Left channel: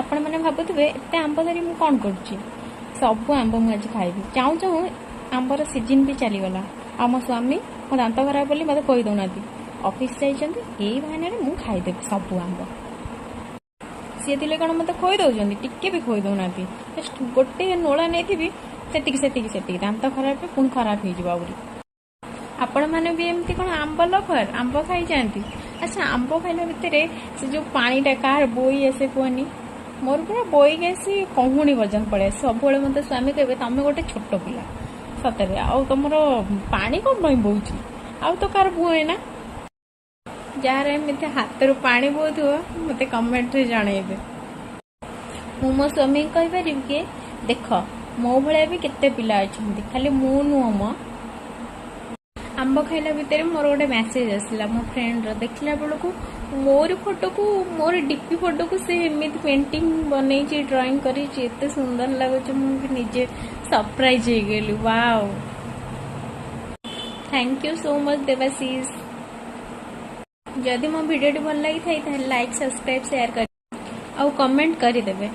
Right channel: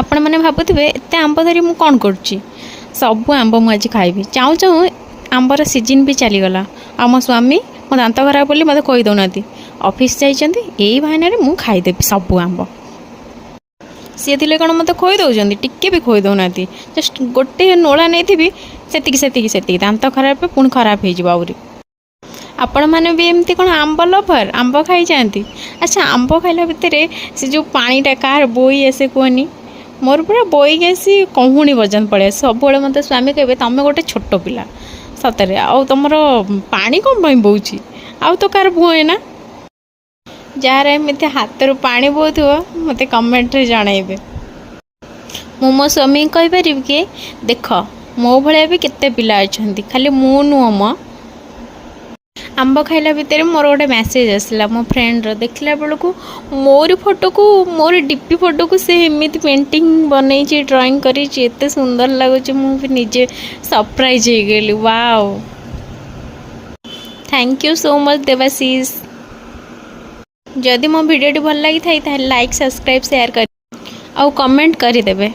आपण मैंने भावुवे एत आंब धरी मुझे कौन कर सब आंब मुझे खाइबी चाहूँ चाहूँ आंबर सीजन भी चलीगला आ मो स्वामी मो दांत खराब बोली मत कही दौना ऑफिस जाइए यही बहाना मुझे खाईदेवी सब आंब सी थे कौन मत खोई दौरान टिके भी खोई दौना जस्ट गोटे नोला नहीं से दांत खराब पुणी खराब हो आपण मैंने भी एमती कौन आंब लभर आंब खाई जाती। अच्छा आंब खाइला भितर से जो पानीटा कार बोई आसे कहनी मोर पूरा बोईक आसी कहूणी बजान पड़े सब मत स्वामी कहे तुम गोटे छोट पिला सतरे आउ तुमर पानी कौन बोची आउ तो कार बुए ना जार एमती हाथ रू पानी बोथो मत कमेंट रे जनइबे मु मो स्वामी कहीपर कि देख मो भाया भी केते पिला अच्छा खाली मु नुह म आंब खाइला भितर मोर गोटे मेसेज आसला मो फ्रेंड देखला बेलू मोर फोटो को मोर डीपी फोटो को से एमती पेंटिंग बनई ड्राइंग करी एते सुंदर लगुच मुझे निजे सरप्राइज हो गली wow thank you so much Debashish जदि मो वीडियो भल लगी था लाइक सब्सक्राइब शेयर कर आ कमेंट करदेवे।